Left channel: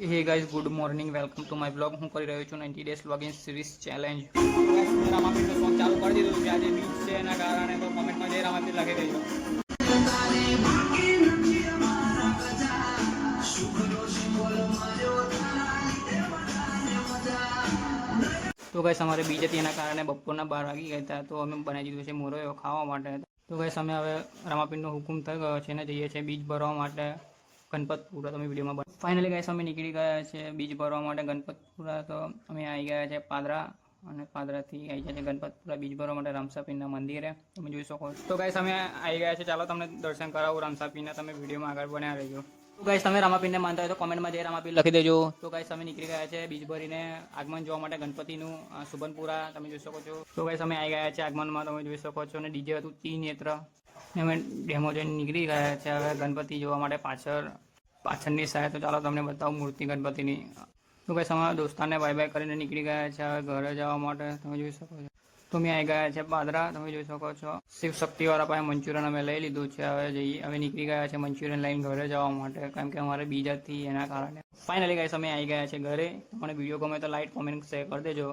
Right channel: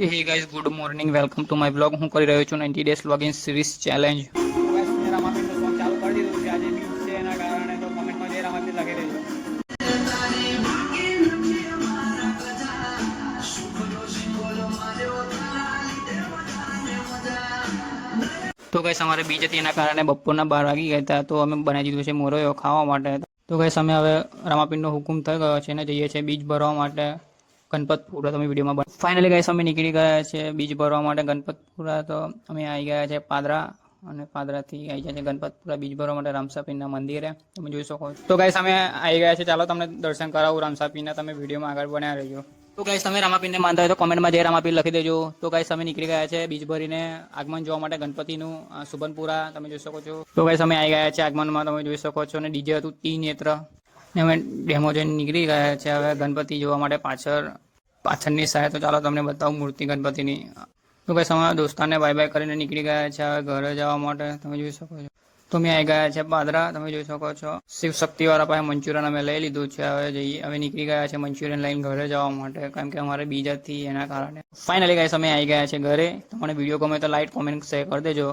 Hey guys, good morning. Welcome to my vlog. હું કરી રહ્યો છું 90 days login series challenge. રામાપીરનો ફોન ચાલુ કરી દીધું છે. આજે ન્યૂઝ છે એના કારણે તો કમેન્ટમાં જય રામાપીર લખી દેજો. તો ગાઈસ અમારે બીજ હતી એના કારણે બપોરના 12 વાગી ગયા હતા, તો અમે બનાવી દીધું છે મોરયો ખાવા માટે. તો ગાઈસ અમે હવે રામાપીરનો હુકુમ થઈ ગયો છે અને જઈએ છીએ બીજ ભરવા માટે ગણપતપુરા. તમે વિડીયોમાં ફાઇનલી ગાઈસ અમે નીકળી ગયા છે બીજ ભરવા માટે ગણપતપુરા. તો અમે આવી ગયા છે પાદરા અને પાદરાથી આવી ગયા છે ગણપતપુરા બીજ ભરવા માટે રામસાપીરના મંદિરે. તમે જોઈ શકો છો. તો ગાઈસ અમે આવી ગયા છે, ચાલો તમને દર્શન કરાવું રામસાપીના. તમે વિડીયોમાં આગળ બન્યા રહેજો. તો ગાઈસ તમે રામાપીરને માનતા હોય તો કોમેન્ટમાં જય રામાપીર લખી દેજો. તો ગાઈસ અમે નીકળી ગયા છે બીજ ભરીને આગમન જોવા માટે ગણપતિનું સુબનપુરા. તમે જોઈ શકો છો. તો ગાઈસ અમે આવી ગયા છે આગમનમાં. તમે જોઈ શકો છો. અને ડીજે હતું ત્રિનેત્ર ને અમે ડેમો જઈને નીકળી ગયા છે હવે ગણપતિ જોવા માટે પાછળની સાઈડ. તો ચાલો તમને બતાવું મૂર્તિ ગણપતિની. તો ગાઈસ અમારા દોસ્તારને બાય બાય કરીને નીકળી ગયા છે હવે ઘરે જવા માટે. તમે જોઈ શકો છો. તો અમે આવી ગયા છે પાદરા. તમે જોઈ શકો છો. શિવ શક્તિવાળા પાસે મંચુરિયન અમે લઈ લીધું છે. હવે નીકળી ગયા છે મંચુરિયન લઈને ઘરે જવા માટે, કારણ કે અમારે બીજા હતી એના કારણે. ફાઇનલી ગાઈસ અમે આવી ગયા છે ઘરે. તમને વિડીયો ગમે તો લાઈક કોમેન્ટ શેર કરી દેજો.